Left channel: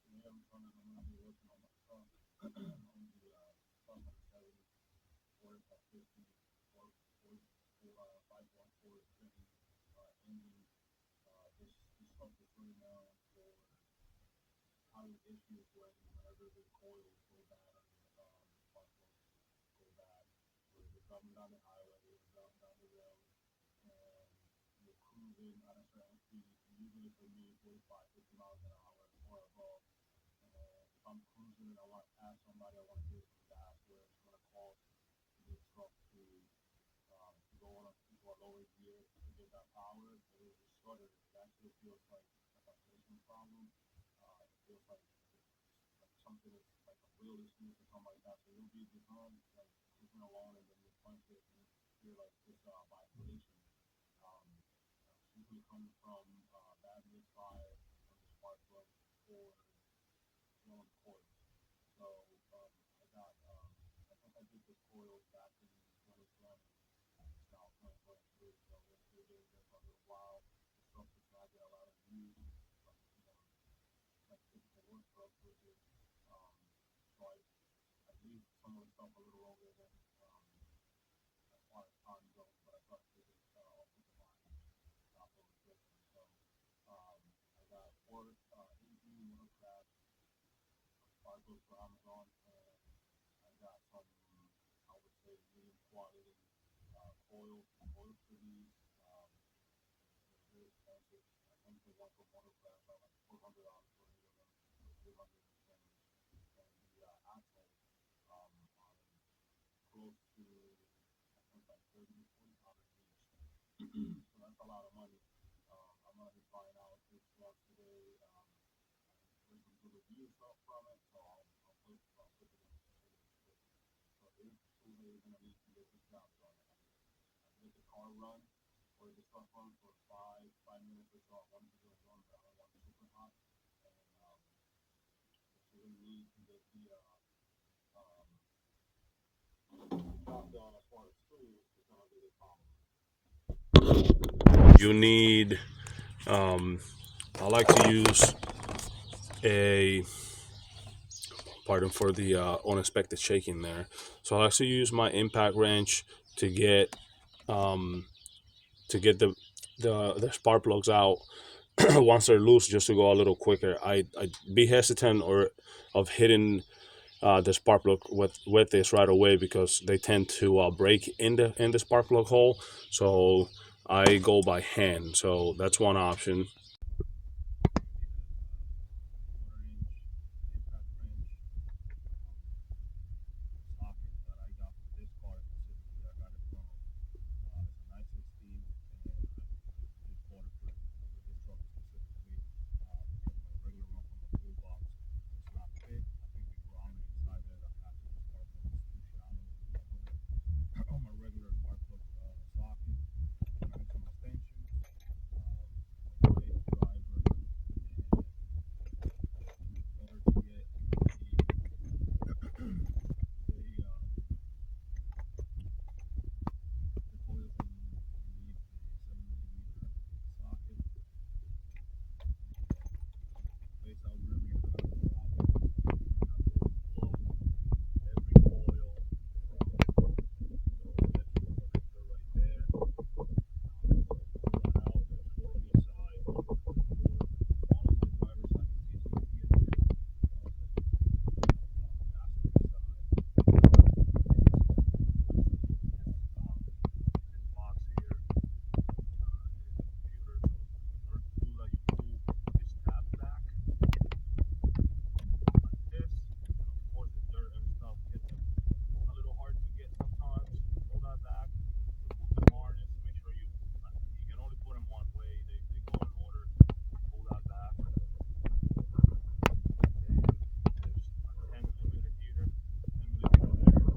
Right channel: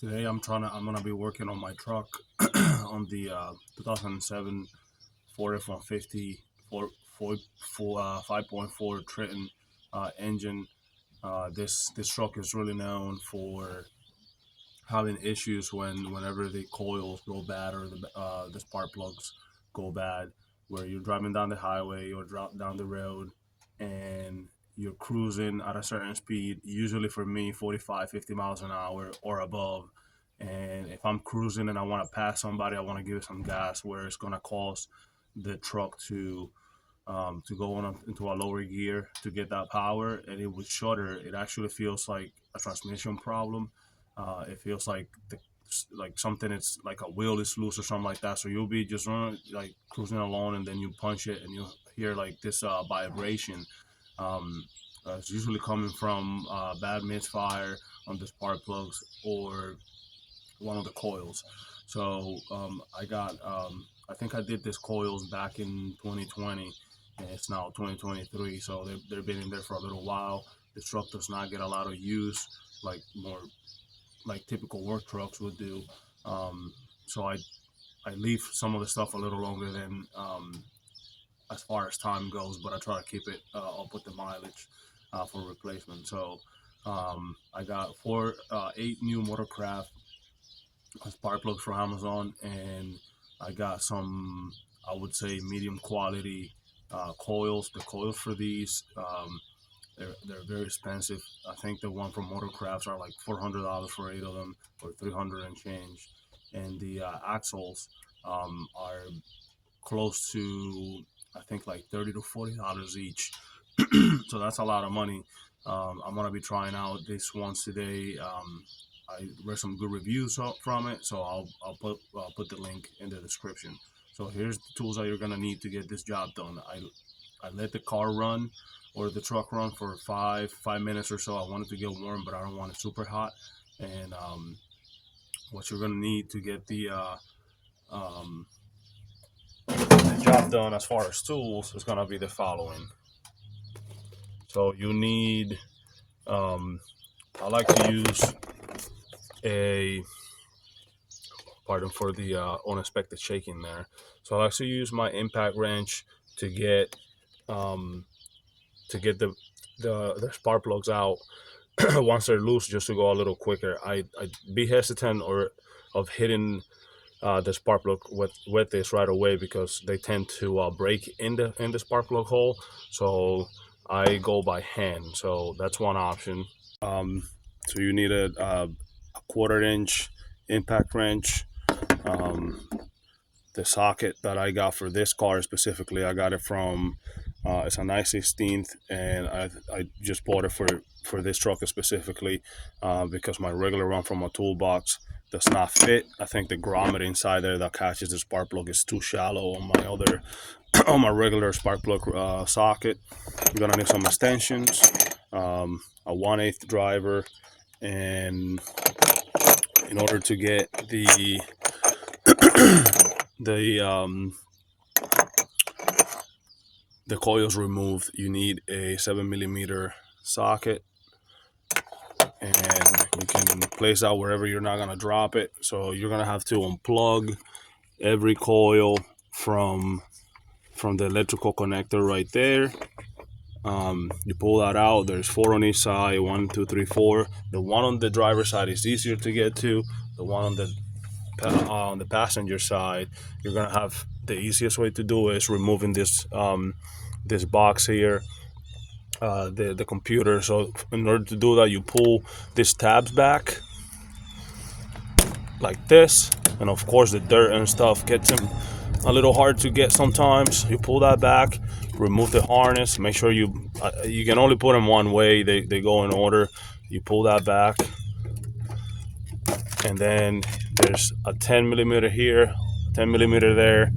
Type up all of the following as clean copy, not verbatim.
Today I'm gonna be working on my truck on the 2007 Ford F-150 5.4 Triton engine. This truck is really known for having issues whenever the coils go bad or the spark plugs go bad, where you're driving down the highway or down the road and you're cruising at a certain speed, usually for me 45, 50 miles an hour or above. And if I'm cruising and I want to pass somebody, I want to give it some gas where it's going to cause the truck to go into a lower gear to get that power, and it would shudder. It actually feels like a transmission problem. It feels like something, it's like a wheel is loose or something like that. So you'll be just running, like cruising along, and then you punch it and you'll hear like this vibration. um, it's usually coming from bad misfire on the spark plugs or one of the coils. So I think I did this coils back in 2020, and it's now 2023. So they've been in there for a little while. The truck does not get a lot of use, like more like typical work trucks would do. So I leave some of the stuff a little longer than as far as time goes, but I try to keep it up with the mileage for replacement. So I got 8 new Motorcraft spark plugs from Amazon, and I got some, I would say, medium quality coils. The coils for these, they're very expensive. I think the one from Motorcrafts are like $400 for 8 of them, or 300 and change. And the axles are close to, I think, like $30 to $40 each. So that's a lot of money. I'm gonna be trying out this once today. I read some good reviews from it, so I'll put the link in the description. So here's the tools that you're gonna need to get this job done. I let the car run or the truck run for five minutes or so. I want it to get warm, but I don't want it super hot. And what you're gonna need to get the job done as far as tools is gonna be the following. So you need, I like to use a, pardon for the unexpected shaking there. So I like to use my impact wrench to get the spark plugs out once they're loose, just to go a little quicker. I be hesitant or of hitting the spark plug with this right away, because they tend to break in the spark plug hole. So I go by hand. So that's one option. So you need a 1/4 inch impact wrench. The socket that I got for this car specifically, I got it from it's a 9/16, and I just bought it for this truck specifically because my regular one from my toolbox does not fit. I think the grommet inside there that catches the spark plug is too shallow on my other on my regular spark plug socket. You're gonna need some extensions, a 1/8 driver, and in order to get the coils removed, you need a 7mm socket, and you can place that wherever you're not gonna drop it. So you're gonna have to unplug every coil from the electrical connector right there. You pull that out. There's 4 on each side, 1, 2, 3, 4. The one on the driver's side is easier to get to. The one on the passenger side, you're gonna have, the easiest way to do it is removing this this box here, the computer. So in order to do that, you pull these tabs back like this, and of course the dirt and stuff gets them a little hard to get sometimes. You pull that back, remove the harness, make sure you can only put them one way, they go in order. You pull that back, and then there's a 10mm here, 10mm there,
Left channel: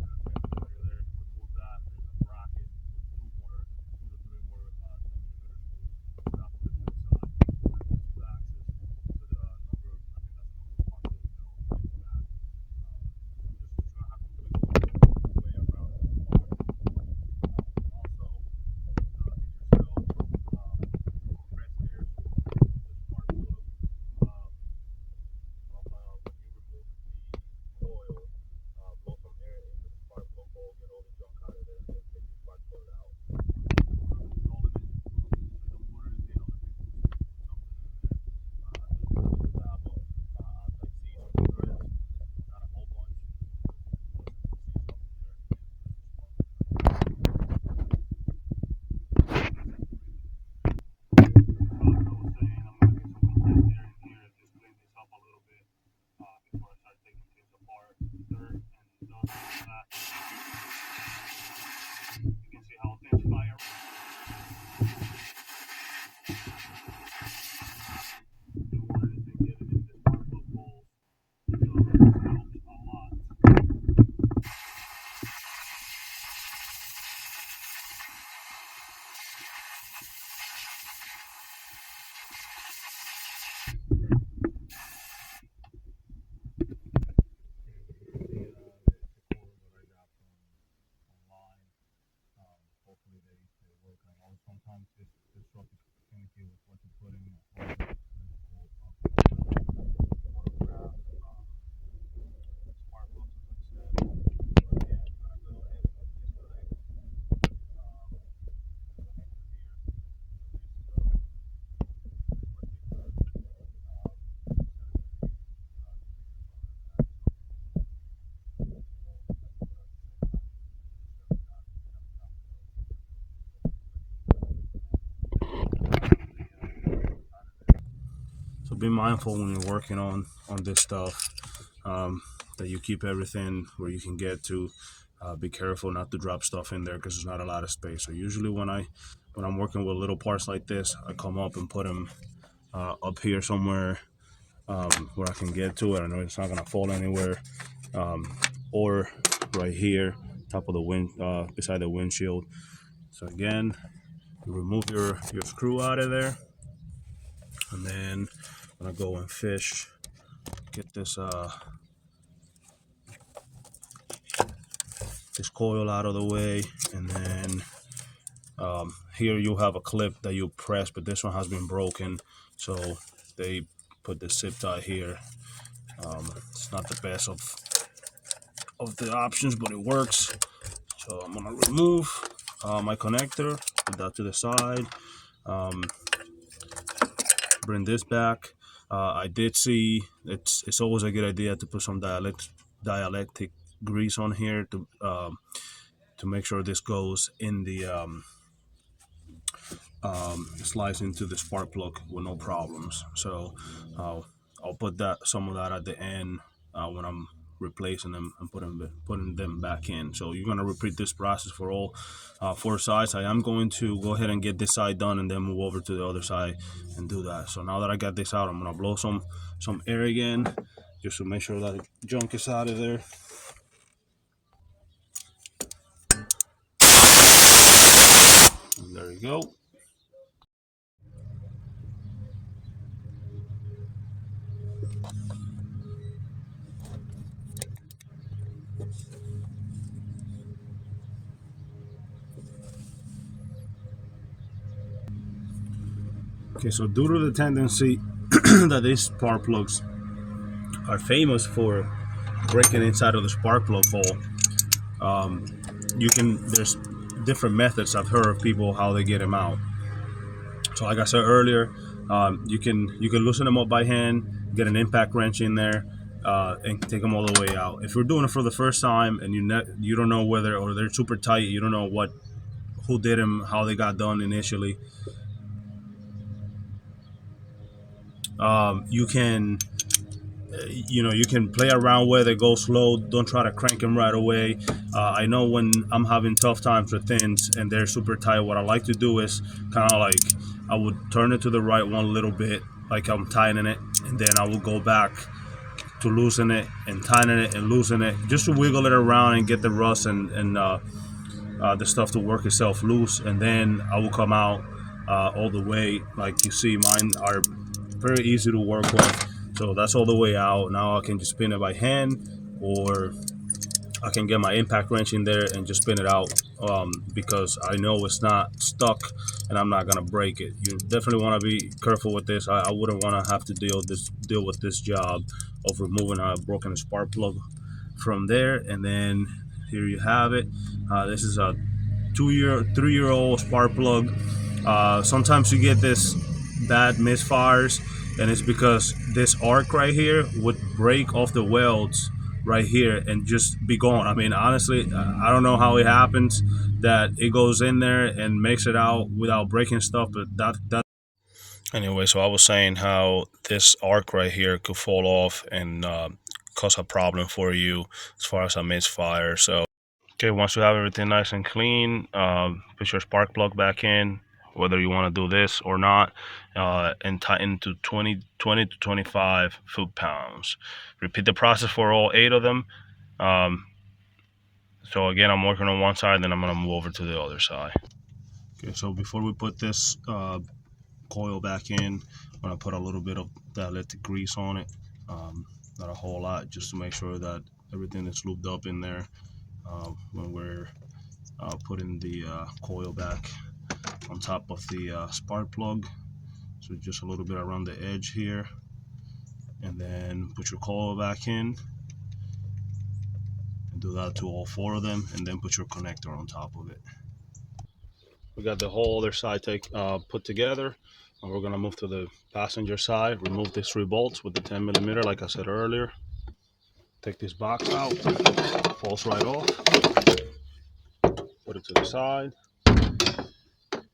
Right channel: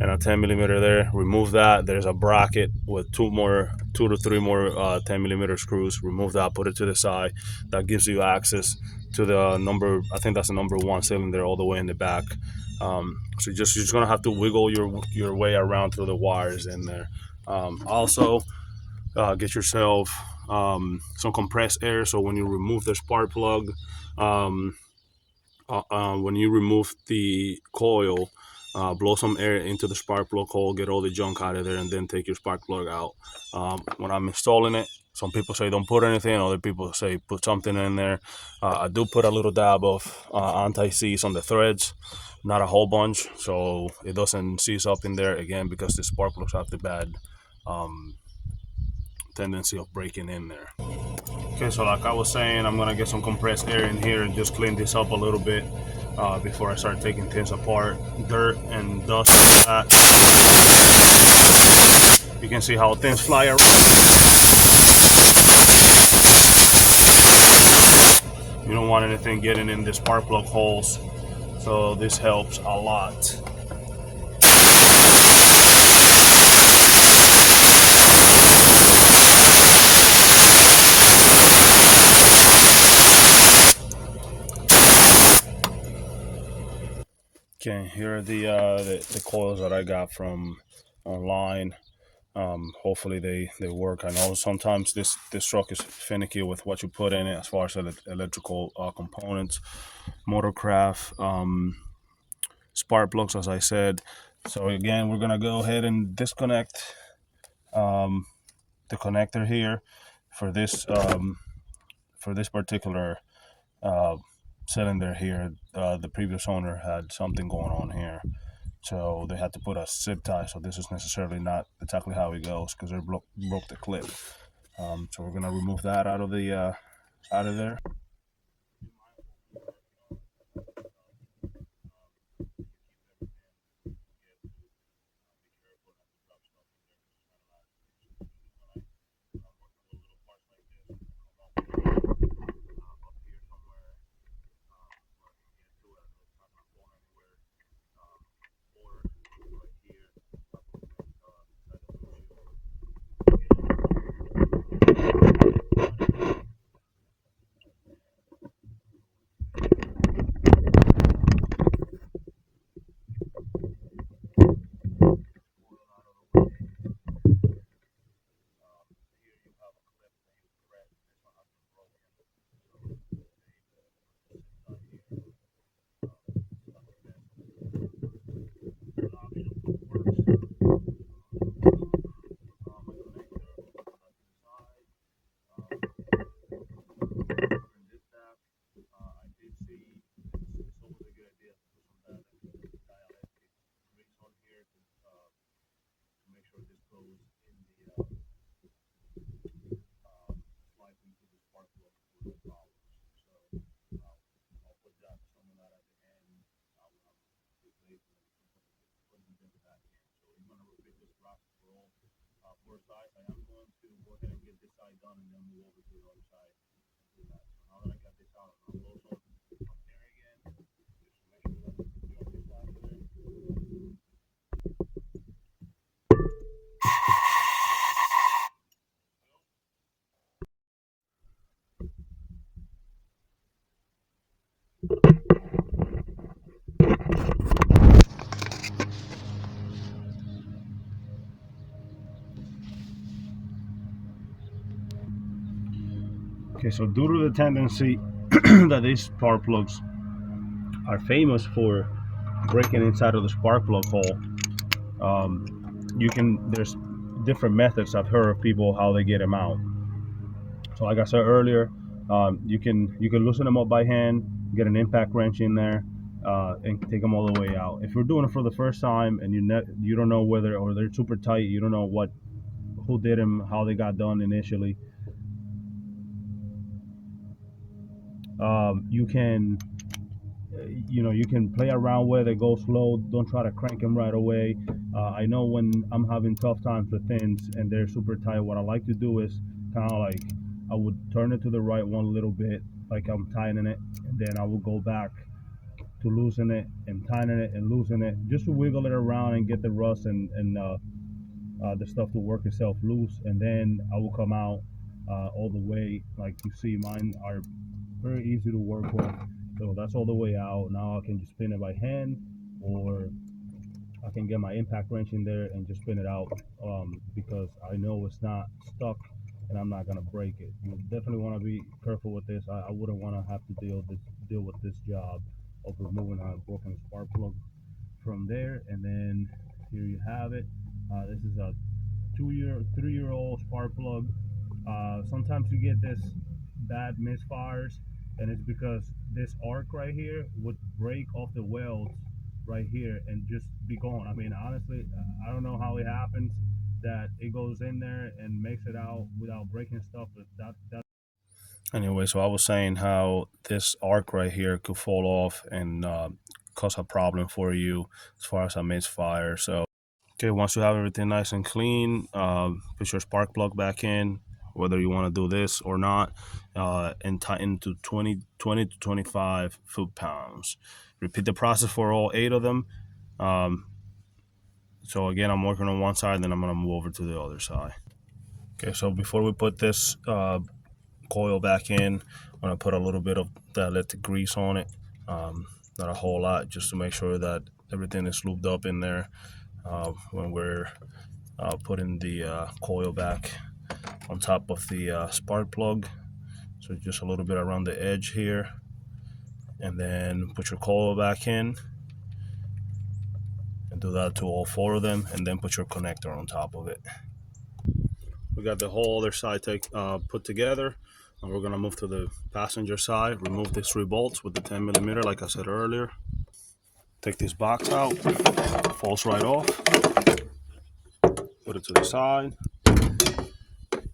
and a 10mm there. Remove that. There's a bracket with 2 to 3 more 10mm screws. Remove that, put it to the side. That gives you access to the number, I think that's the number 1 cylinder all the way in the back. So you're just gonna have to wiggle your way around through the wires in there. Also, get yourself some compressed air, so when you remove the spark plug, when you remove the coil, blow some air into the spark plug hole, get all the junk out of there, and then take your spark plug out. When I'm installing it, some people say don't put anything, other people say put something in there. I do put a little dab of anti-seize on the threads, not a whole bunch, so it doesn't seize up in there again, because the spark plugs have the bad tendency of breaking in there. Okay, so like I was saying, I'm gonna get some compressed air in here and just clean this up a little bit before I start taking things apart. Dirt and dust and that. You can see how things fly around. You don't want anything getting in the spark plug holes, so this helps a lot. Okay, here are the coils that I got from online. Hopefully they work. I know sometimes this truck is finicky with what you put in it as far as electrical components, motorcraft, spark plugs, as I said. So again, we're gonna go ahead and disconnect the connector here for this particular cylinder here. The previous owner had something going on here, so they had to put a zip tie. So this is necessarily not exactly how it goes, because they broke the clip. So we're gonna remove that out of there. So be mindful when you're working on this stuff, that you keep everything where you can get to. Be careful not to drop stuff in there, because there's not a lot of space. So usually when I'm working with little parts like this, I come up and put them up here somewhere where I can get to it. I know it's not gonna fall anywhere, or right here, top of the wind, beside the windshield. So again, remove your screw out of there, and then I'm gonna go and fish. Get this coil out of the way, and then here you have a clip that you press, but this one has been broken, so they put the zip tie here. It's not the best of the options, but it works. So I'm gonna remove my connector, put that to the side, bring this back. I did see it's always a good idea to put some dielectric grease on here to make sure this goes in the slides into the spark plug with no problems. So I'll put some of that at the end when I'm replacing them and putting them back in. So you're going to repeat this process for all 4 sides. I am going to go ahead and get this side done and then move over to the other side and do that. So now that I got this out, I'm going to blow some air again, just to make sure that the junk is out of there. And there you go. Okay, so due to the tendency that these spark plugs are famous for breaking inside of the spark plug hole, there's different methods. I've heard of people how they get them out. So like I said earlier, you can loosen them up by hand, get an impact wrench in there, and take them all the way out. If you're doing it for the first time and you don't know whether, or they're super tight, you don't know who did them, how they got done initially, you can play around with it, go slow, don't try to crank them right away. I know when I'm having tough times with things and they're super tight, what I like to do is kind of like, I would turn it to the right one little bit, like I'm tightening it, and then I will go back to loosen it and tighten it and loosen it, just to wiggle it around and get the rust and the stuff to work itself loose. And then I will come out all the way. Like you see, mine are very easy to work with. So that's all the way out. Now I can just spin it by hand, or I can get my impact wrench in there and just spin it out, because I know it's not stuck and I'm not gonna break it. You definitely want to be careful with this. I wouldn't want to have to deal with this job of removing a broken spark plug from there. And then here you have it. This is a 3-year-old spark plug. Sometimes you get this bad misfires, and it's because this arc right here would break off the welds right here and just be gone. I mean, honestly, I don't know how it happens that it goes in there and makes it out without breaking stuff, but that anyway. So I was saying how this arc right here could fall off and cause a problem for you as far as a misfire. So okay, once you have everything nice and clean, put your spark plug back in, whether you want to do this or not, and tighten to 20 to 25 foot-pounds. Repeat the process for all 8 of them. So again, I'm working on one side, then I'm going to move over to the other side. Okay, so before we put this coil back in, I'm going to put a little bit of dielectric grease on it. Not a whole lot, just to make sure that everything is lubed up in there when we're putting the coil back on top of the spark plug. So just a little bit around the edge here, and then put your coil back in and do that to all 4 of them, and then put your connector on top of it. We got the whole other side put together, and we're gonna move to the passenger side. Remove these 3 bolts with the 10mm, like I said earlier. Take this box out, it falls right off. Put it to the side,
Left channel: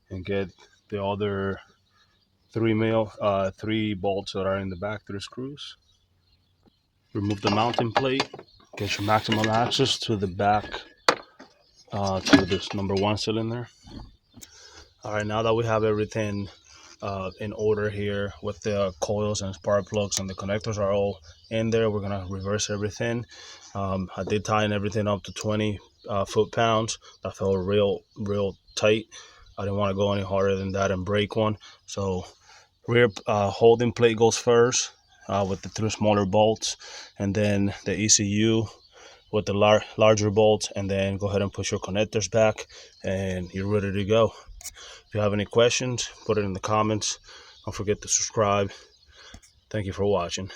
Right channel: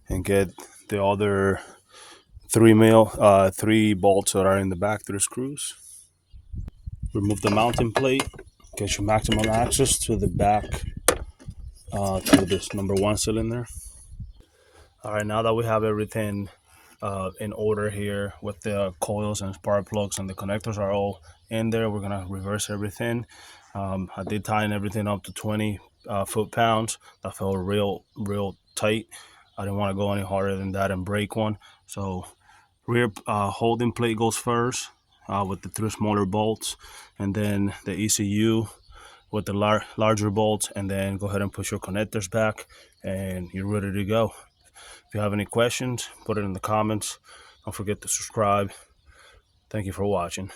and get the other 3 bolts that are in the back, 3 screws. Remove the mounting plate, get your maximum access to the back, to this number 1 cylinder. All right, now that we have everything in order here with the coils and spark plugs and the connectors are all in there, we're gonna reverse everything. I did tighten everything up to 20 foot-pounds. I felt real tight. I didn't want to go any harder than that and break one. So rear holding plate goes first with the 3 smaller bolts, and then the ECU with the larger bolts, and then go ahead and put your connectors back and you're ready to go. If you have any questions, put it in the comments. Don't forget to subscribe. Thank you for watching.